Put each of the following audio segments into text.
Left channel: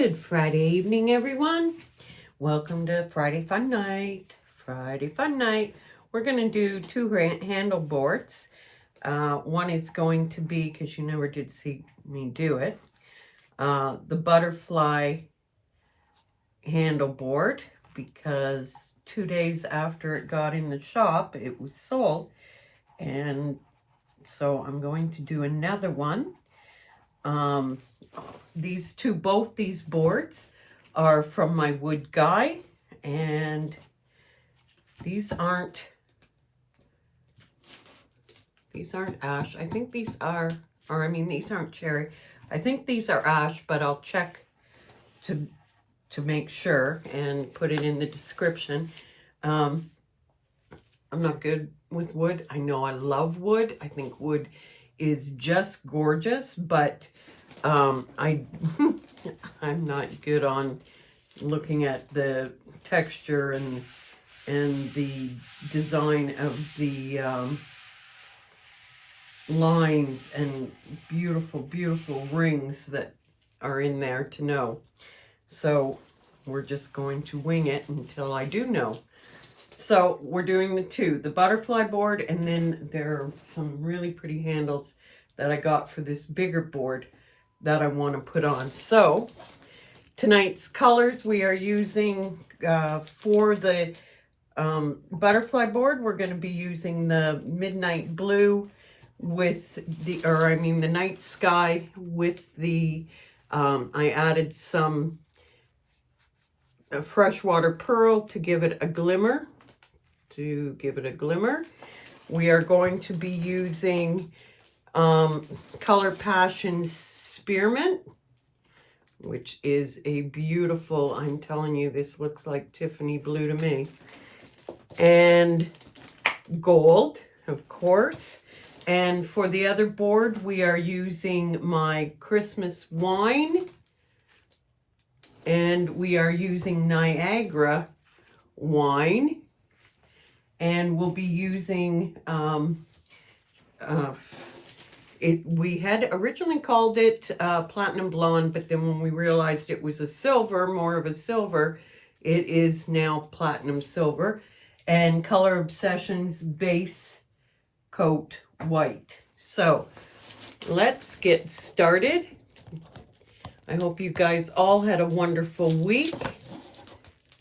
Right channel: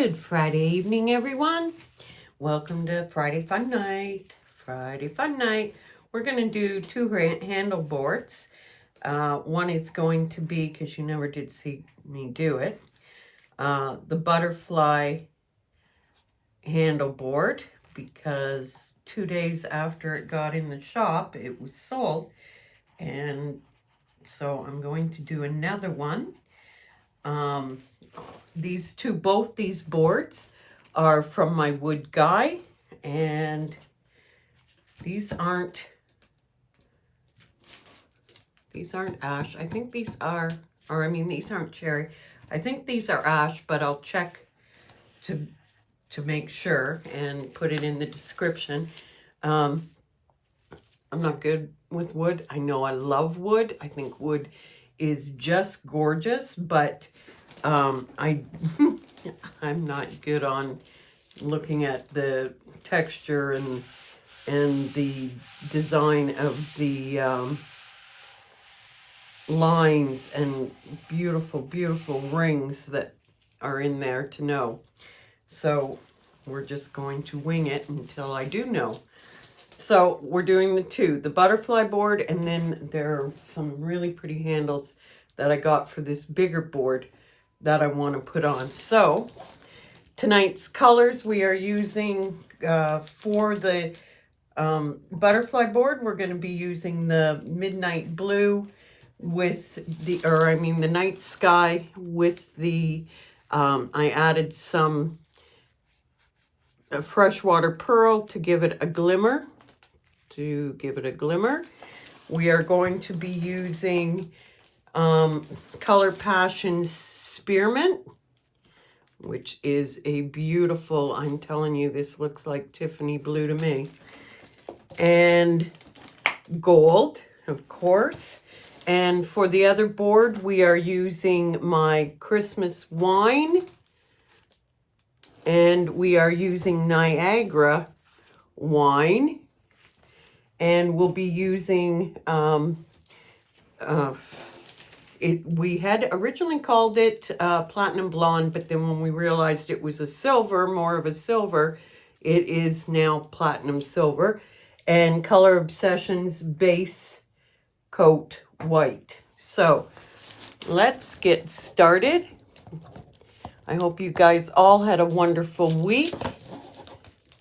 Good Friday evening, everyone. Welcome to Friday Fun Night. Friday Fun Night. We're going to do two handle boards. One is going to be, because you never did see me do it, the butterfly handle board, because 2 days after it got in the shop, it was sold. And so I'm going to do another one. Both these boards are from my wood guy, and these aren't ash. I think these are, these aren't cherry. I think these are ash, but I'll check to make sure and put it in the description. I'm not good with wood. I know I love wood. I think wood is just gorgeous, but I'm not good on looking at the texture and the design of the lines and beautiful, beautiful rings that are in there to know. So we're just going to wing it until I do know. So we're doing the butterfly board, and then there are some really pretty handles that I got for this bigger board that I want to put on. So tonight's colors we are using for the butterfly board, we're going to be using the midnight blue with the night sky with the I added some freshwater pearl to give it a glimmer. We are going to be using Color Passions Spearmint, which is a beautiful, I'm telling you, this looks like Tiffany blue to me. And gold, of course. And for the other board, we are using my Christmas wine. And we are using Niagara wine. And we'll be using, we had originally called it Platinum Blonde, but then when we realized it was a silver, more of a silver, it is now Platinum Silver. And Color Obsessions Base Coat White. So let's get started. I hope you guys all had a wonderful week.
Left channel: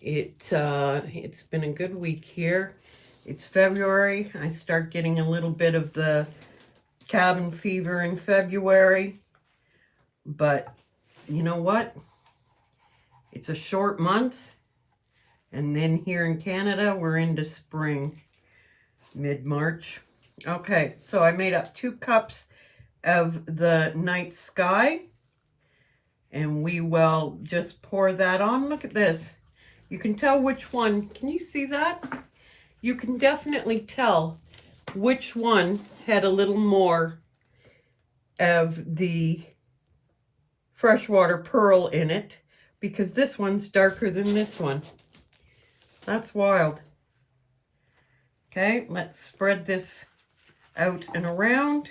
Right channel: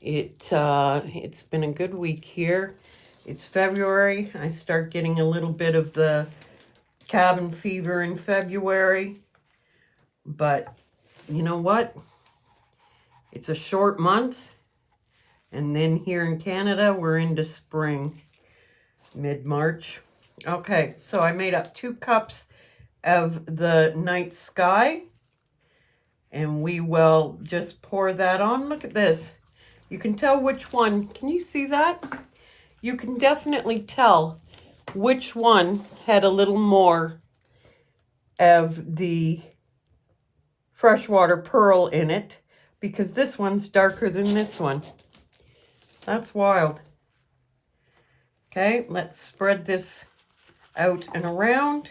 It's been a good week here. It's February. I start getting a little bit of the cabin fever in February. But you know what? It's a short month. And then here in Canada, we're into spring, mid-March. Okay, so I made up 2 cups of the night sky. And we will just pour that on. Look at this. You can tell which one. Can you see that? You can definitely tell which one had a little more of the freshwater pearl in it, because this one's darker than this one. That's wild. Okay, let's spread this out and around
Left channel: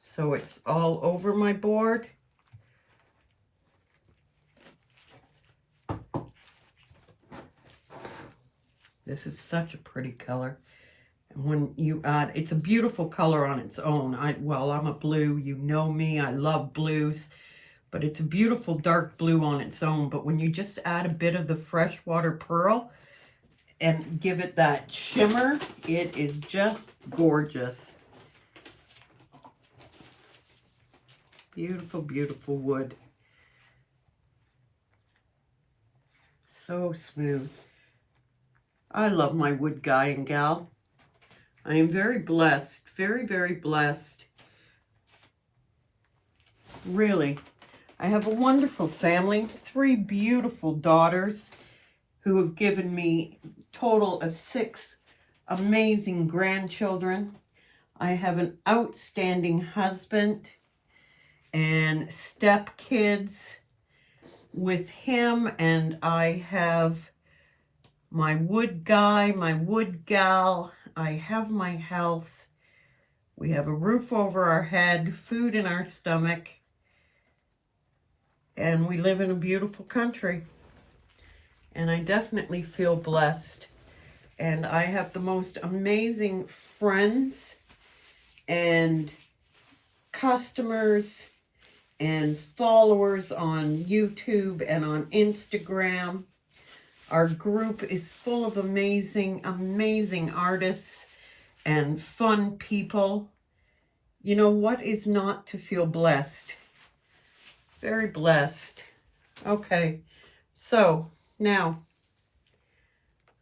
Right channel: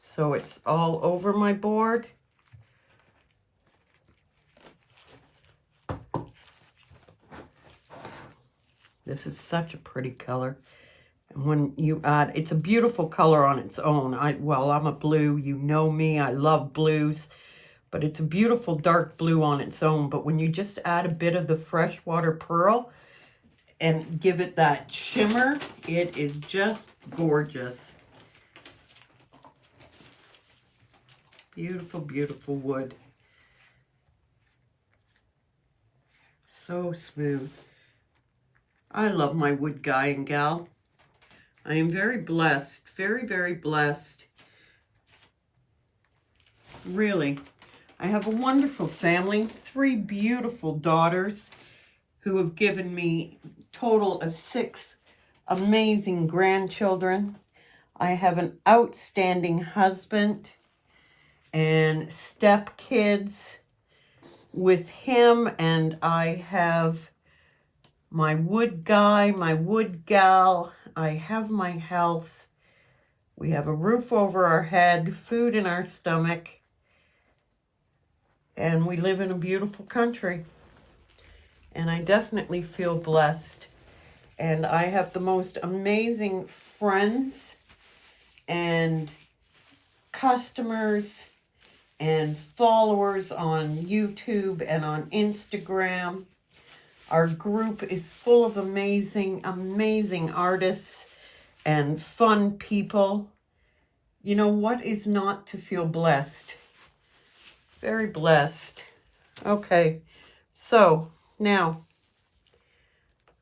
so it's all over my board. This is such a pretty color. And when you add, it's a beautiful color on its own. I'm a blue, you know me, I love blues, but it's a beautiful dark blue on its own. But when you just add a bit of the freshwater pearl and give it that shimmer, it is just gorgeous. Beautiful, beautiful wood. So smooth. I love my wood guy and gal. I am very blessed, very, very blessed. Really. I have a wonderful family, 3 beautiful daughters who have given me a total of 6 amazing grandchildren. I have an outstanding husband and stepkids with him, and I have my wood guy, my wood gal. I have my health. We have a roof over our head, food in our stomach. And we live in a beautiful country. And I definitely feel blessed. And I have the most amazing friends and customers and followers on YouTube and on Instagram. Our group is full of amazing, amazing artists and fun people. You know, what is not to feel blessed? Very blessed. Okay, so now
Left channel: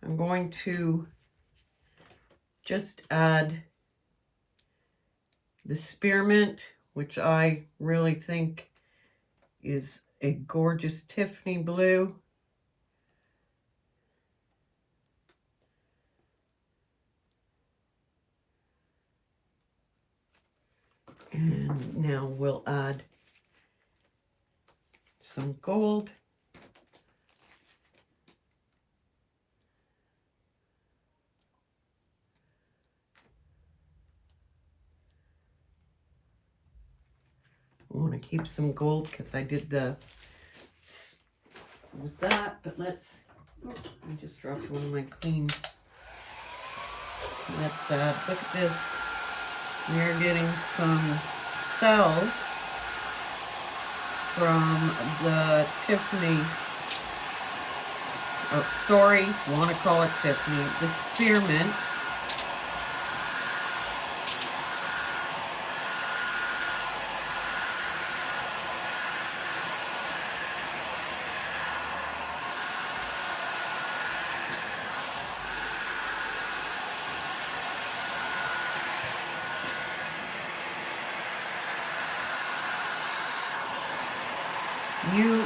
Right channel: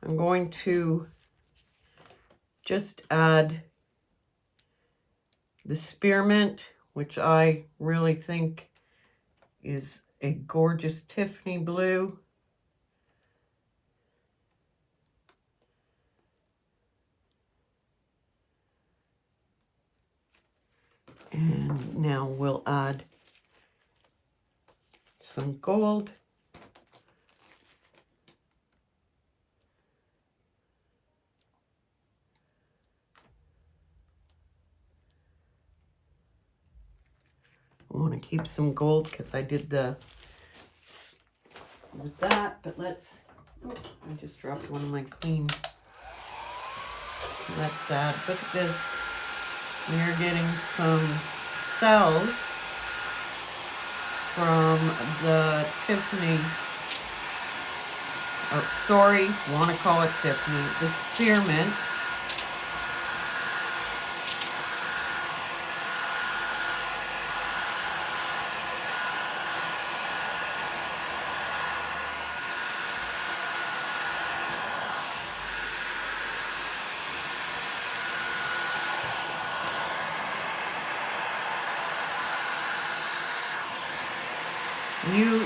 I'm going to just add the spearmint, which I really think is a gorgeous Tiffany blue. And now we'll add some gold. I want to keep some gold because I did the with that, but let's, I just dropped one of my clean. Let's add, look at this. We're getting some cells from the Tiffany, oh, sorry, want to call it Tiffany, the spearmint.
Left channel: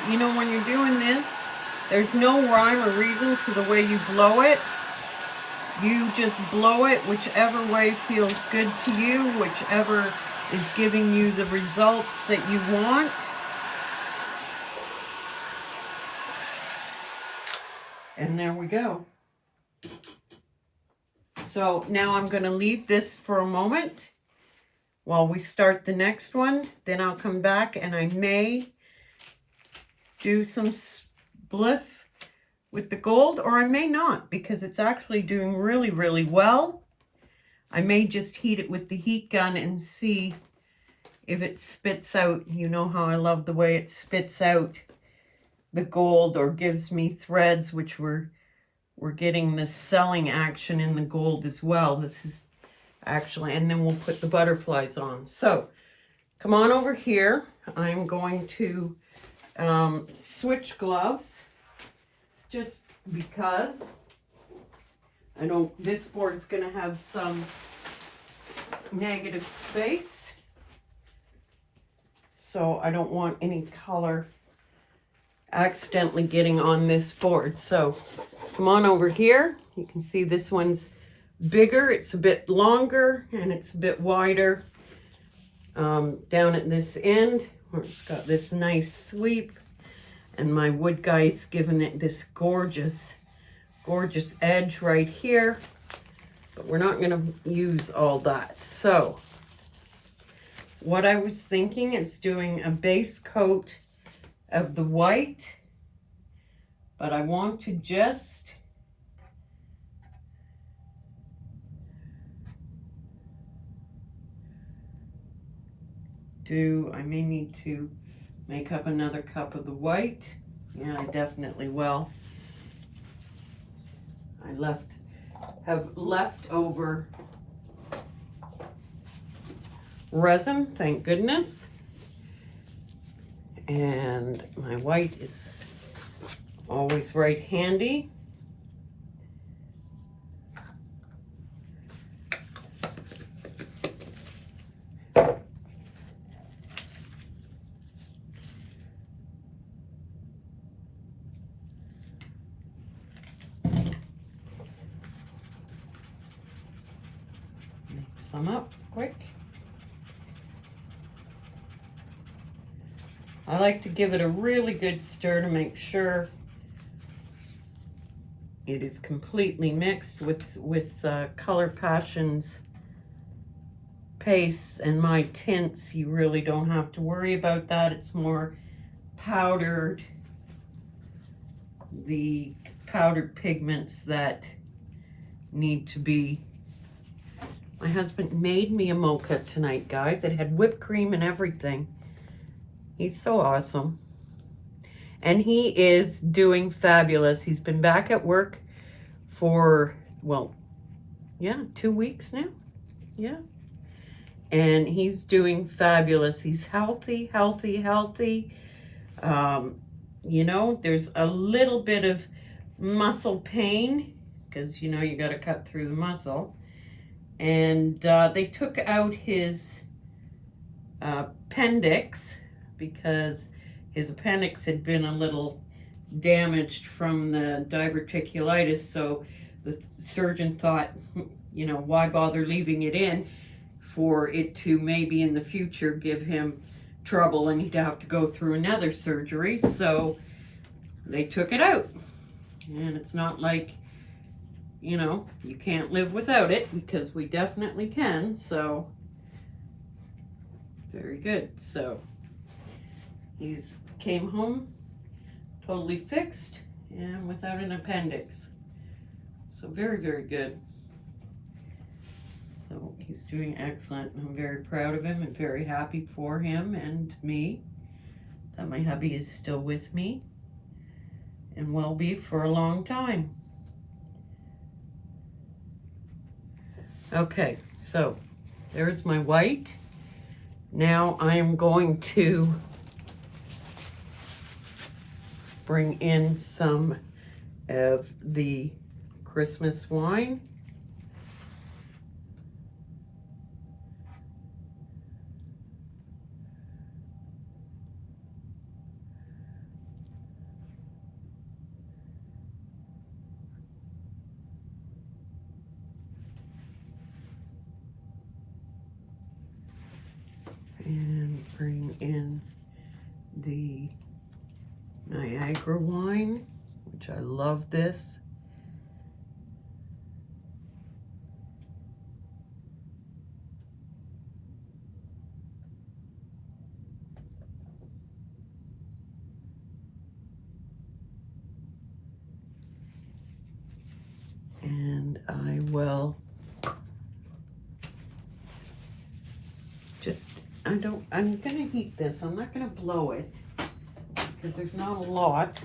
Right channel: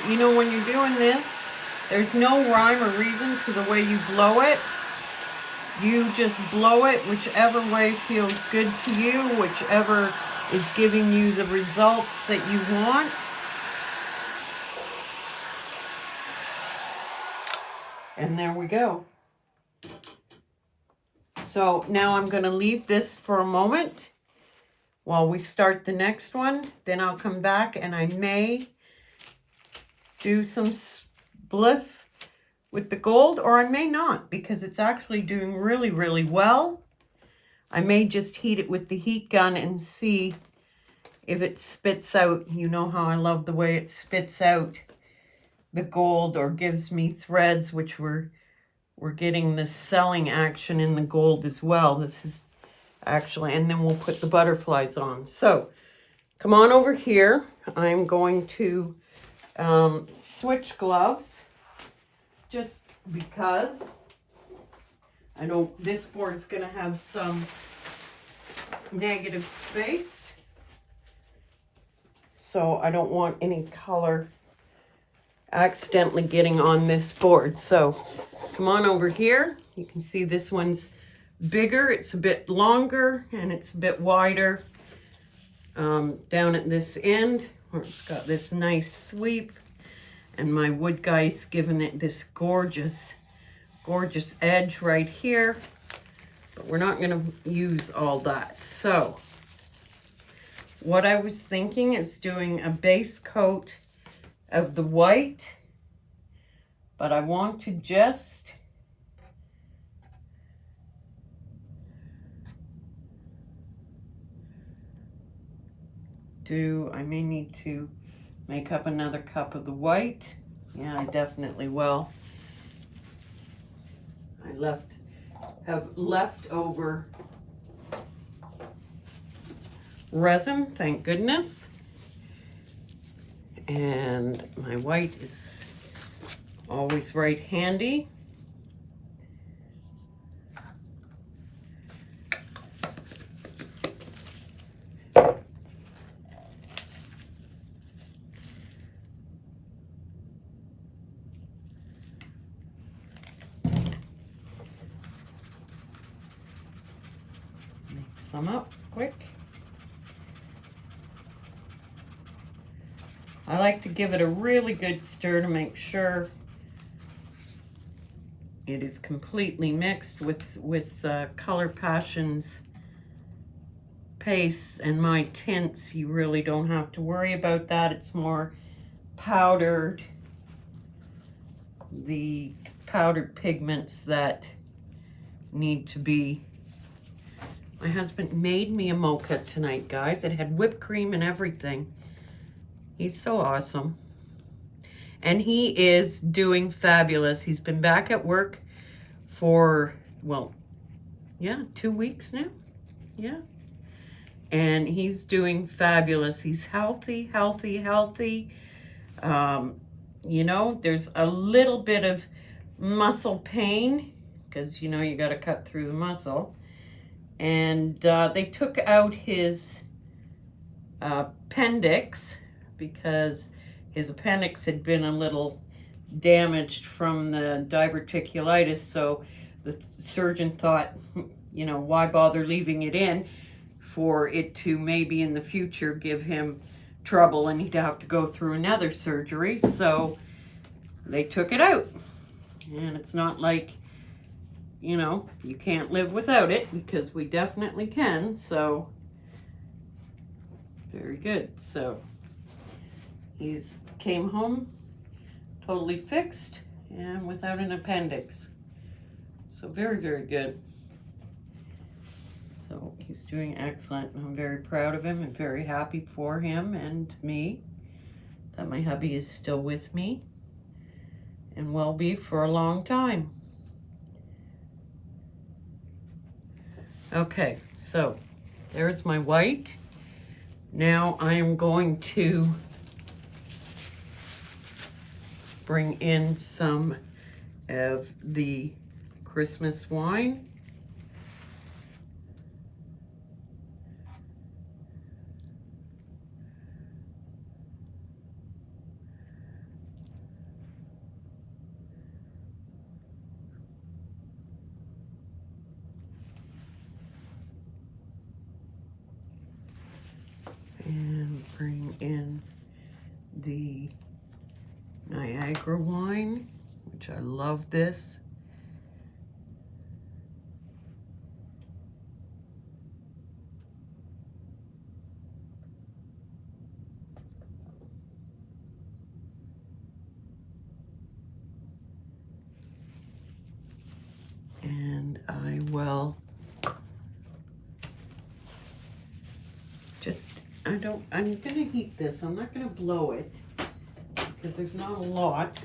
You know, when you're doing this, there's no rhyme or reason to the way you blow it. You just blow it whichever way feels good to you, whichever is giving you the results that you want. And there we go. So now I'm going to leave this for a moment while we start the next one. Then I'll come back and I may do some spliff with the gold, or I may not, because it's actually doing really, really well. I may just heat it with the heat gun and see if it spits out. You know how I love the way it spits out the gold or gives me threads, which we're getting this selling action in the gold as well. This is actually, and then we'll put the butterflies on. So come on over here. I'm going to switch gloves just because I know this board's going to have some negative space. So I don't want any color accidentally getting on this board. So come on over here. You can see this one's bigger. It's a bit longer and it's a bit wider down at this end where it's got this nice sweep. And my wood guy's given it this gorgeous, gorgeous edge right here. But we're not going to use all that. So what I was thinking is doing a base coat of the white, but I want to just I may need to make up another cup of the white. Yeah, I definitely will. I have leftover resin, thank goodness. And my white is always right handy. Mix some up quick. I like to give it a really good stir to make sure it is completely mixed with Color Passions pastes and my tints. You really don't have to worry about that. It's more powdered the powdered pigments that need to be. My husband made me a mocha tonight, guys. It had whipped cream and everything. He's so awesome. And he is doing fabulous. He's been back at work for, well, yeah, 2 weeks now. Yeah. And he's doing fabulous. He's healthy, healthy, healthy. You know, there's a little bit of muscle pain because, you know, you got to cut through the muscle. And they took out his appendix because his appendix had been a little damaged from the diverticulitis. So the surgeon thought, you know, why bother leaving it in for it to maybe in the future give him trouble and he'd have to go through another surgery. So they took it out. And it's not like, you know, you can't live without it, because we definitely can. So very good. So he's came home totally fixed and without an appendix. So very, very good. So he's doing excellent. I'm very proud of him and very happy for him and me that my hubby is still with me and will be for a long time. Okay, so there's my white. Now I am going to bring in some of the Christmas wine. And bring in the Niagara wine, which I love this. And I will just, I'm gonna heat this. I'm not gonna blow it because there's not a lot.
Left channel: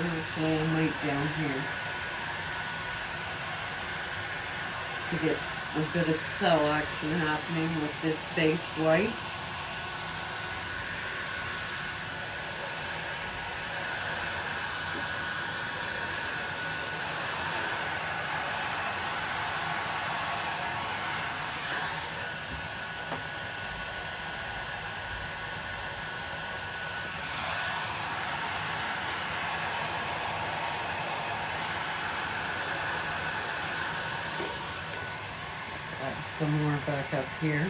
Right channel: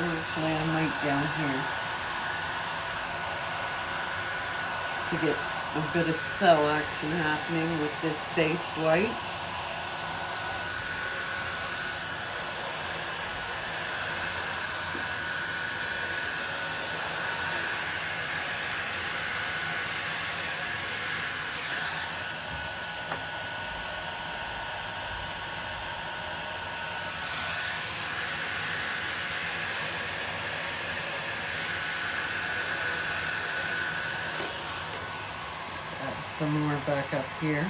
Actually, I might down here to get a bit of cell action happening with this base white. Some more back up here.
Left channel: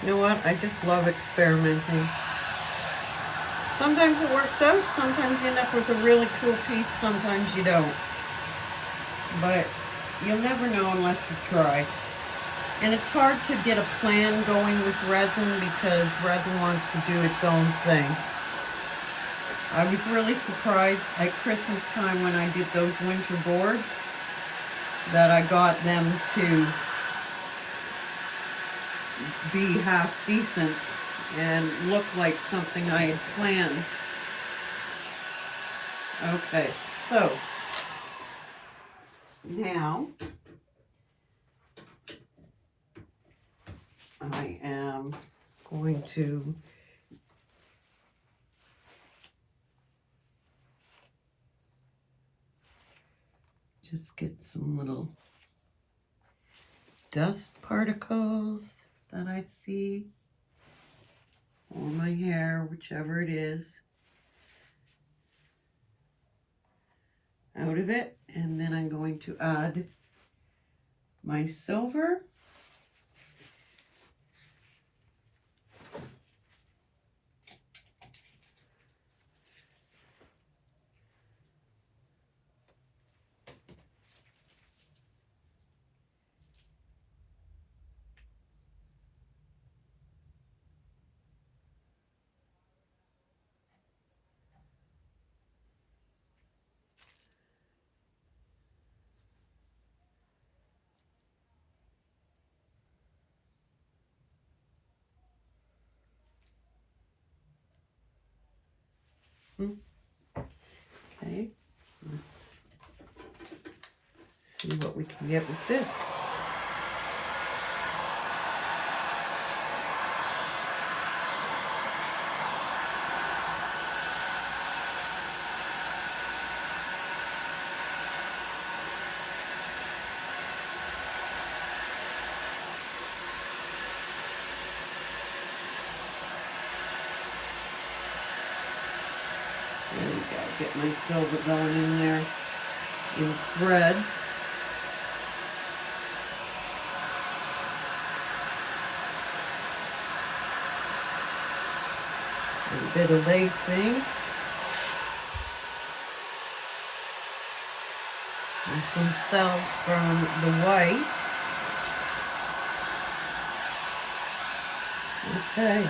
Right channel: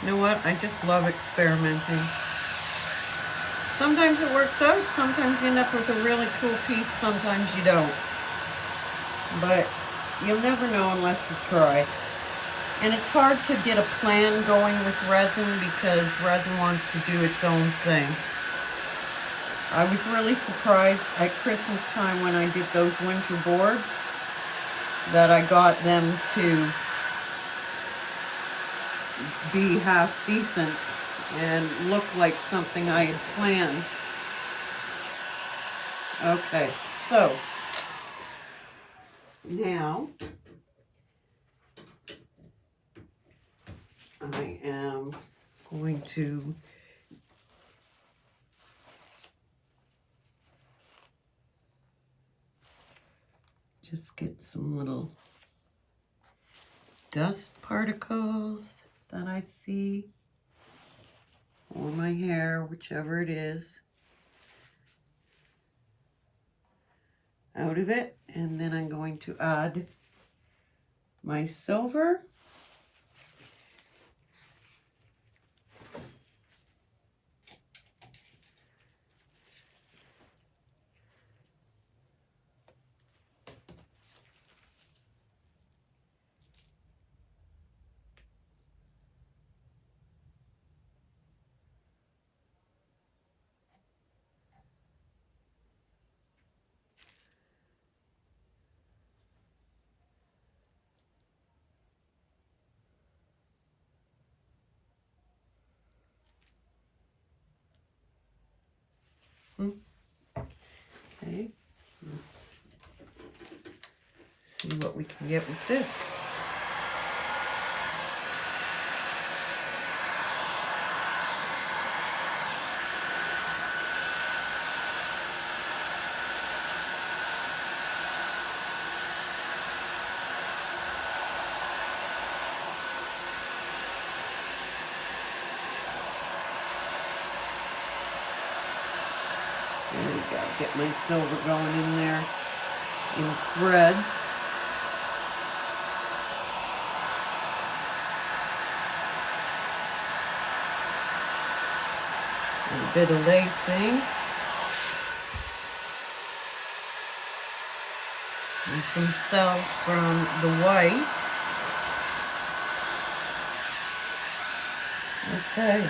You know what? I just love experimenting. Sometimes it works out, sometimes you end up with a really cool piece, sometimes you don't. But you'll never know unless you try. And it's hard to get a plan going with resin because resin wants to do its own thing. I was really surprised at Christmas time when I did those winter boards that I got them to be half decent and look like something I had planned. Okay, so now I am going to just get some little dust particles that I see on my hair, whichever it is. out of it. And then I'm going to add my silver. Okay, let's see what we can get with this. There we go. Get my silver going in there in threads. A bit of lacing. And some cells from the white. Okay.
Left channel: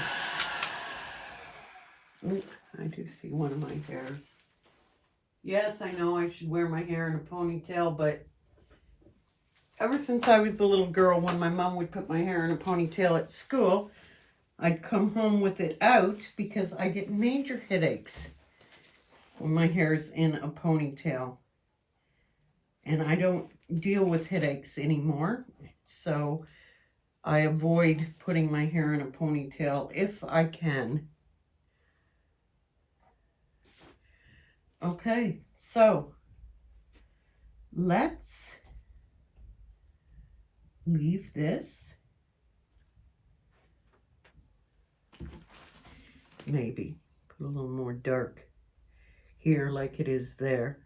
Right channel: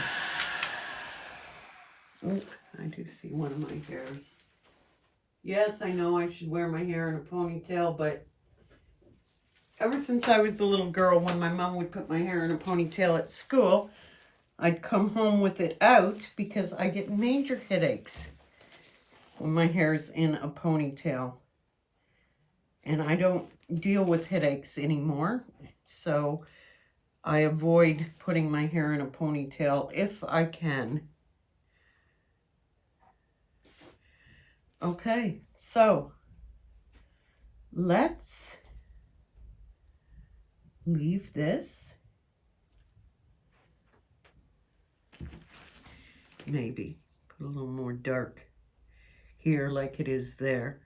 Ooh, I do see one of my hairs. Yes, I know I should wear my hair in a ponytail, but ever since I was a little girl, when my mom would put my hair in a ponytail at school, I'd come home with it out because I get major headaches when my hair's in a ponytail. And I don't deal with headaches anymore, so I avoid putting my hair in a ponytail if I can. Okay, so let's leave this. Maybe put a little more dark here like it is there.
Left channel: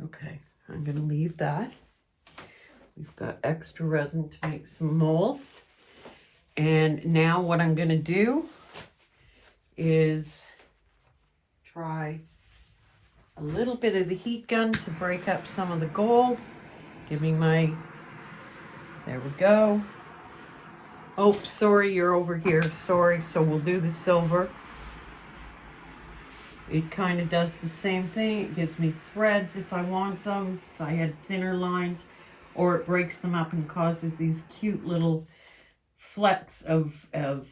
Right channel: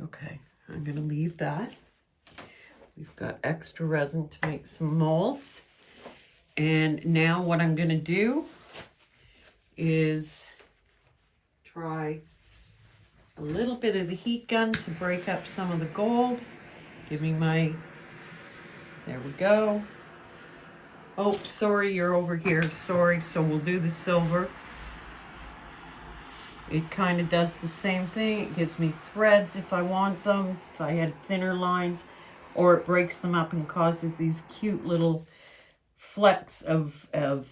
Okay, I'm going to leave that. We've got extra resin to make some molds. And now what I'm going to do is try a little bit of the heat gun to break up some of the gold. Give me my, there we go. Oh, sorry, you're over here. Sorry, so we'll do the silver. It kind of does the same thing. It gives me threads if I want them, if I had thinner lines, or it breaks them up and causes these cute little flecks of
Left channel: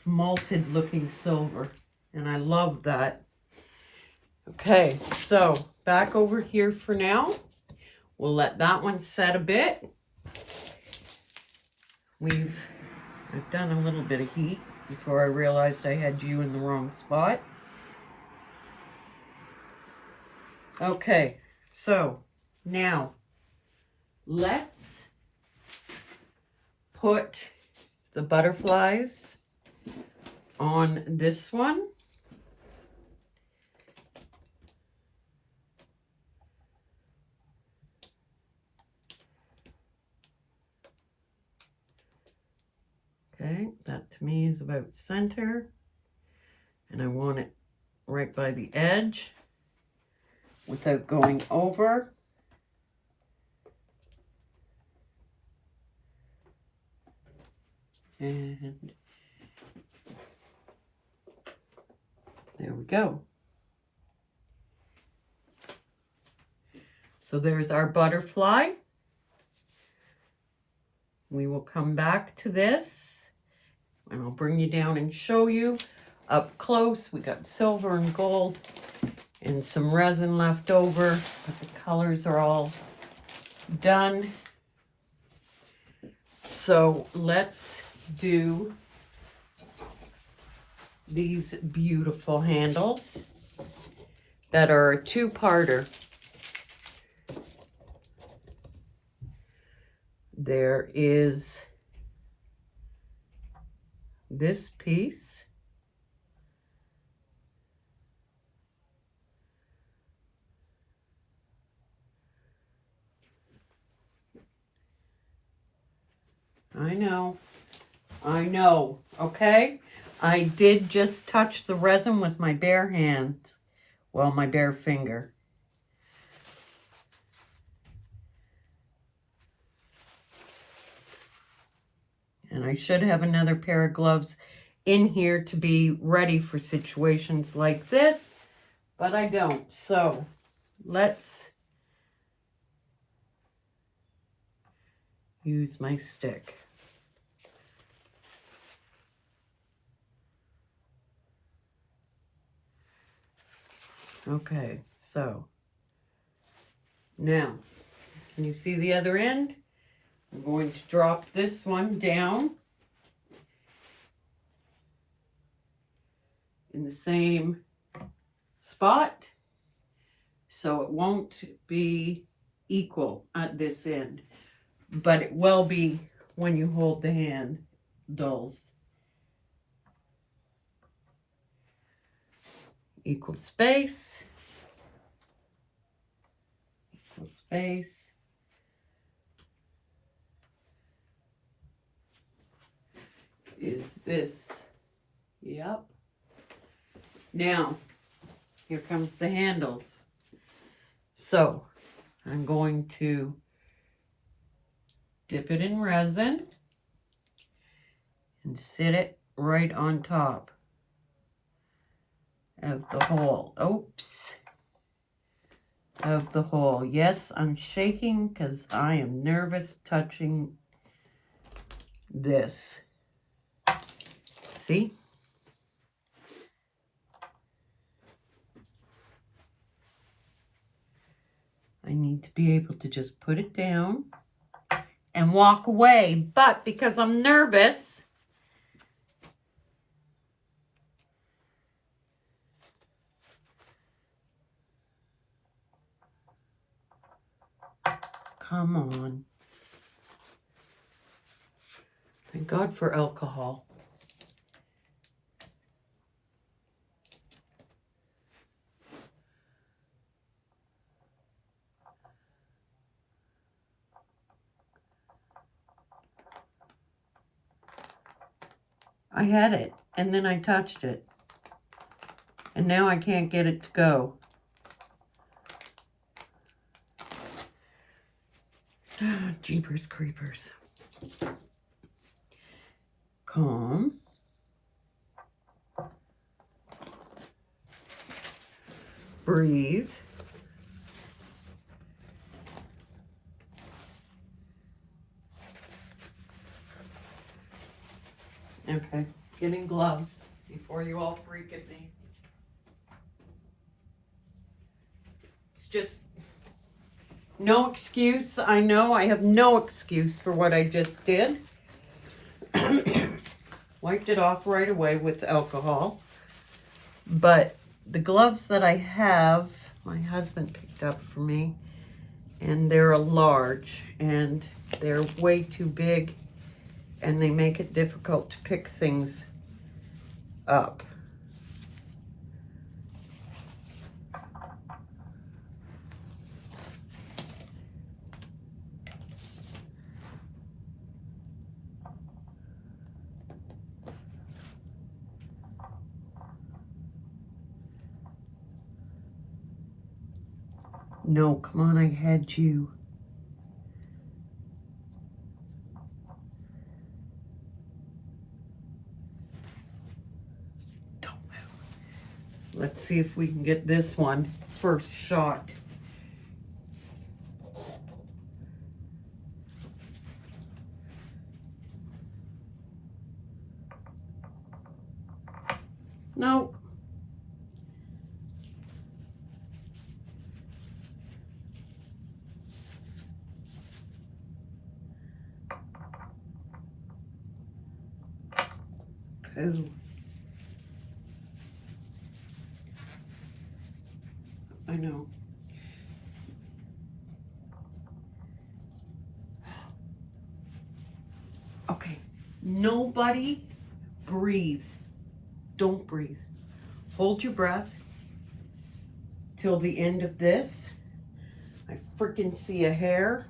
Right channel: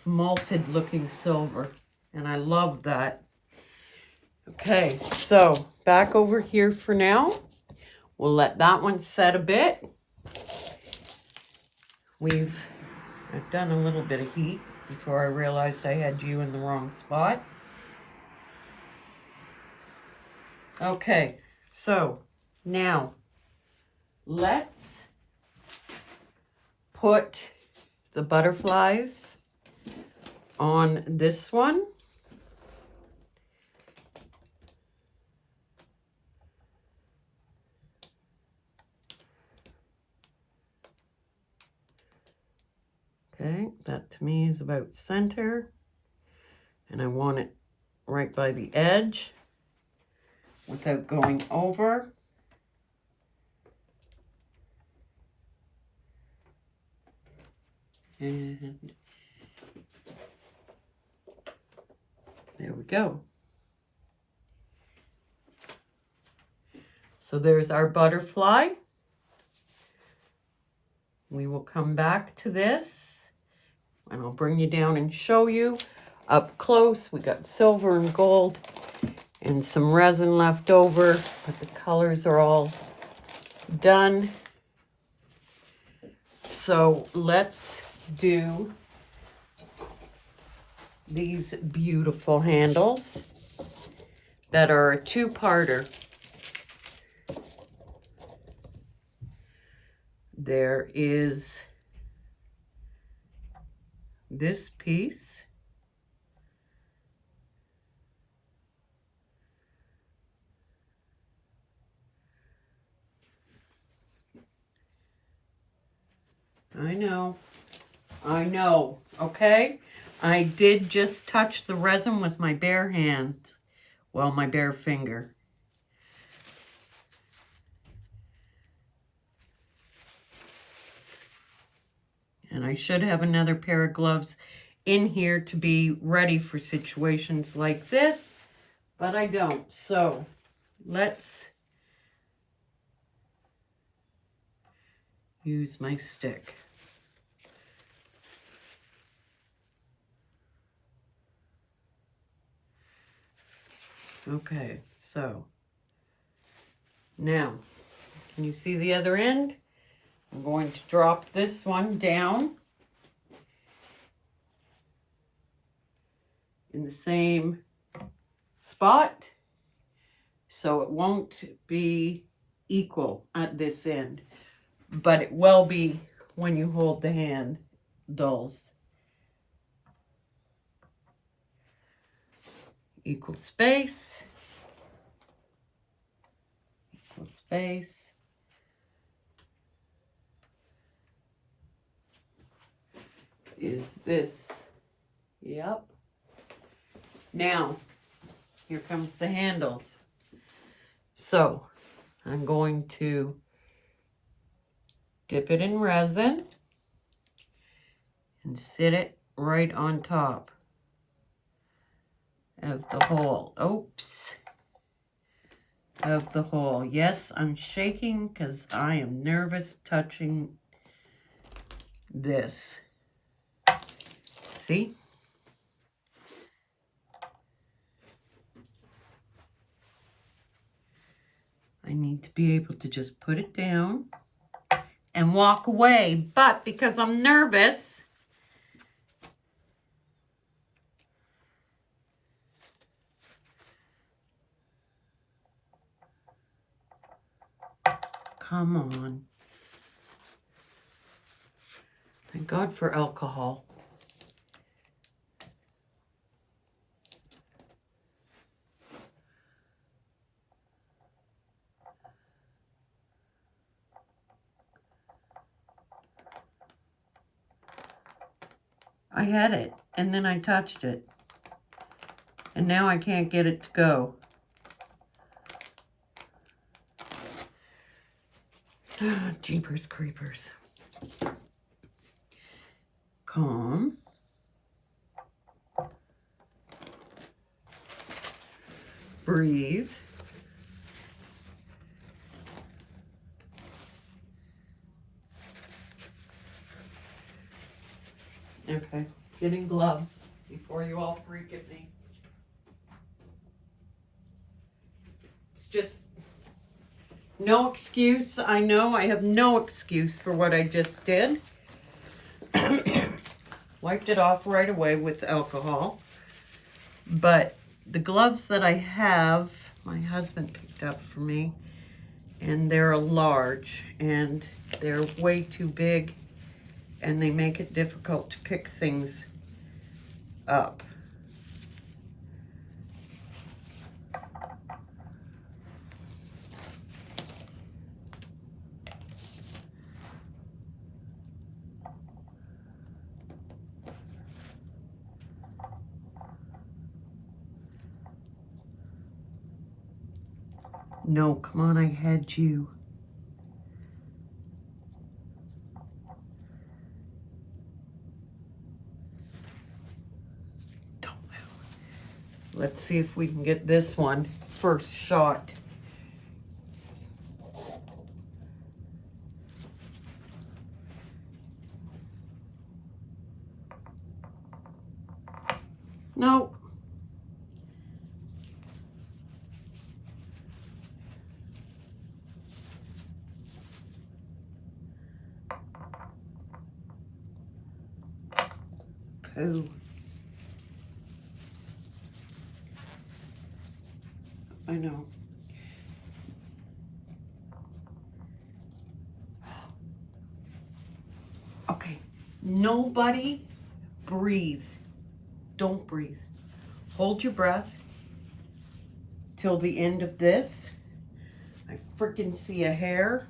malted looking silver. And I love that. Okay, so back over here for now. We'll let that one set a bit. I've done a little bit of heat before I realized I had you in the wrong spot. Okay, so now let's put the butterflies on this one. Okay, that to me is about center. And I want it right by the edge without going over. And there we go. So there's our butterfly. We will come back to this and I'll bring you down and show you up close. We got silver and gold and some resin left over, but the colors are all done. So let's do these beautiful handles that are a two-parter. There is this piece. I know, okay? I did just touch the resin with my bare hands. Well, my bare finger. And I should have another pair of gloves in here to be ready for situations like this, but I don't. So let's use my stick. Okay, so now, can you see the other end? I'm going to drop this one down in the same spot so it won't be equal at this end, but it will be when you hold the handles. Equal space. Equal space. Is this. Yep. Now, here comes the handles. So, I'm going to dip it in resin and sit it right on top of the hole. Oops. Of the hole. Yes, I'm shaking because I am nervous touching this. See? I need to be able to just put it down and walk away, but because I'm nervous, come on. Thank God for alcohol. I had it, and then I touched it. And now I can't get it to go. Jeepers creepers. Calm. Breathe. Okay, getting gloves before you all freak at me. It's just no excuse. I know I have no excuse for what I just did. Wiped it off right away with alcohol. But the gloves that I have, my husband picked up for me, and they're a large, and they're way too big, and they make it difficult to pick things up. No, come on, I had you. Don't move. Let's see if we can get this one first shot. Nope. Oh. I know. Nobody breathe. Don't breathe. Hold your breath till the end of this. I freaking see a hair.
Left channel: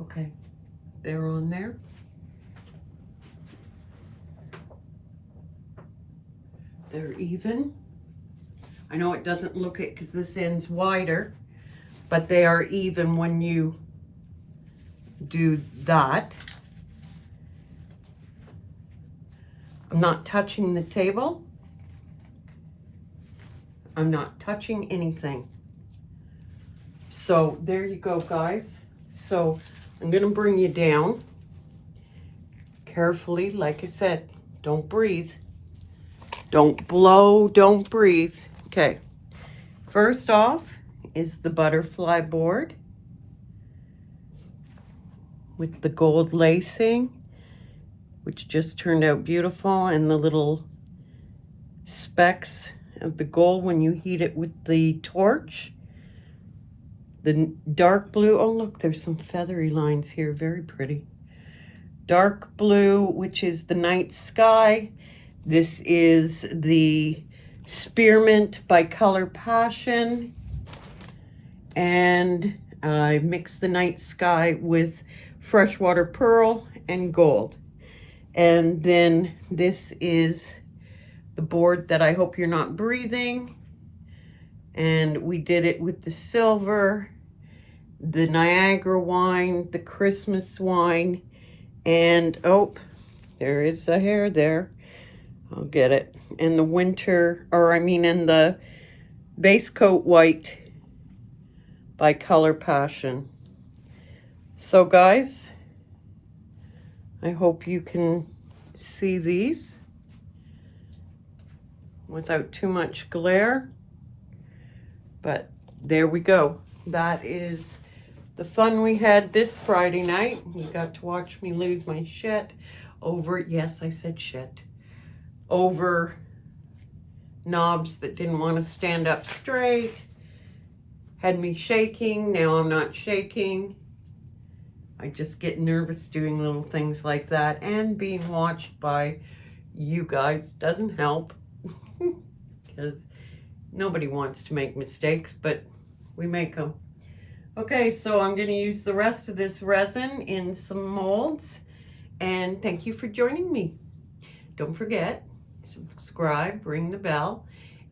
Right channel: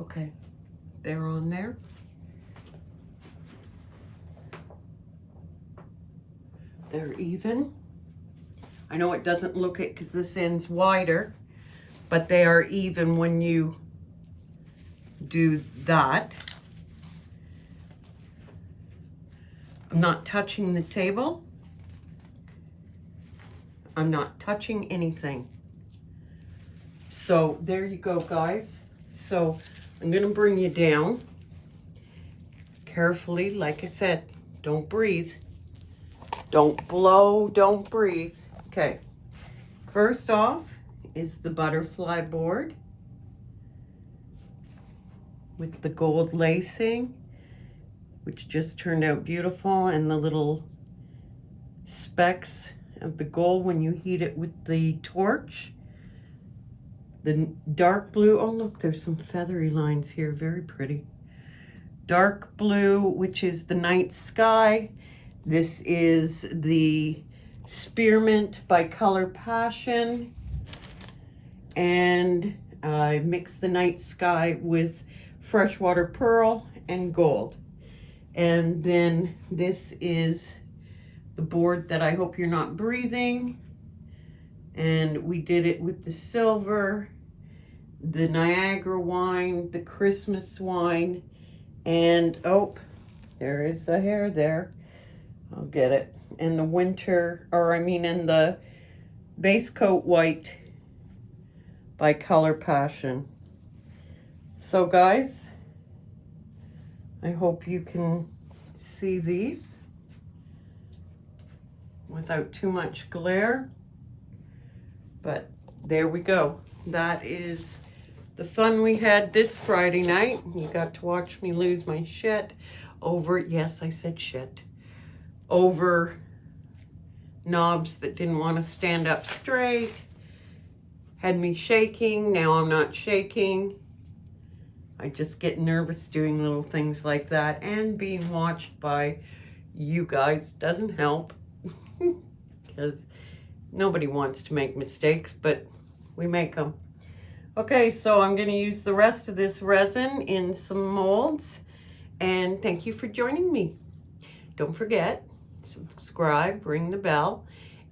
Okay, they're on there. They're even. I know it doesn't look it because this end's wider, but they are even when you do that. I'm not touching the table. I'm not touching anything. So there you go, guys. So I'm gonna bring you down carefully. Like I said, don't breathe. Don't blow, don't breathe. Okay, first off is the butterfly board with the gold lacing, which just turned out beautiful, and the little specks of the gold when you heat it with the torch. The dark blue, oh look, there's some feathery lines here, very pretty. Dark blue, which is the night sky. This is the Spearmint by Color Passion. And I mixed the night sky with freshwater pearl and gold. And then this is the board that I hope you're not breathing. And we did it with the silver, the Niagara wine, the Christmas wine, and oh, there is a hair there. I'll get it. In the winter, or I mean in the base coat white by Color Passion. So guys, I hope you can see these without too much glare. But there we go. That is the fun we had this Friday night. You got to watch me lose my shit over, yes, I said shit, over knobs that didn't want to stand up straight. Had me shaking. Now I'm not shaking. I just get nervous doing little things like that, and being watched by you guys doesn't help because nobody wants to make mistakes, but we make them. Okay, so I'm going to use the rest of this resin in some molds, and thank you for joining me. Don't forget, subscribe, ring the bell,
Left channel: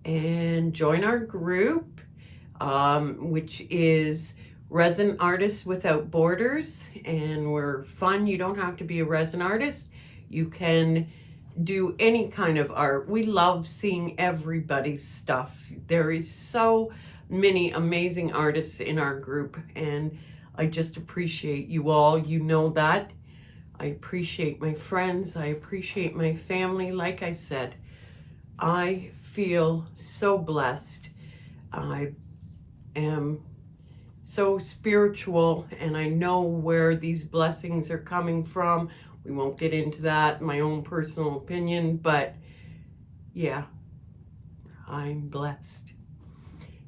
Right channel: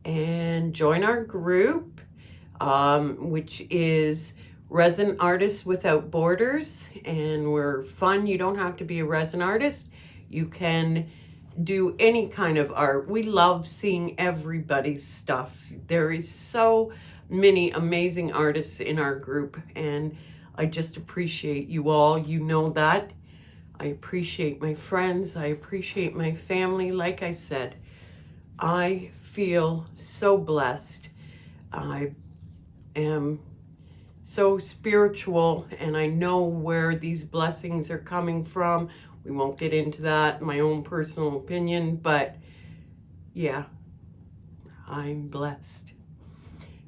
and join our group, which is Resin Artists Without Borders, and we're fun. You don't have to be a resin artist. You can do any kind of art. We love seeing everybody's stuff. There is so many amazing artists in our group, and I just appreciate you all. You know that. I appreciate my friends. I appreciate my family. Like I said, I feel so blessed. I am so spiritual, and I know where these blessings are coming from. We won't get into that, my own personal opinion, but yeah, I'm blessed.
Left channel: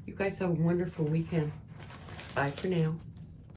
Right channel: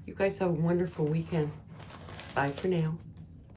You guys have a wonderful weekend. Bye for now.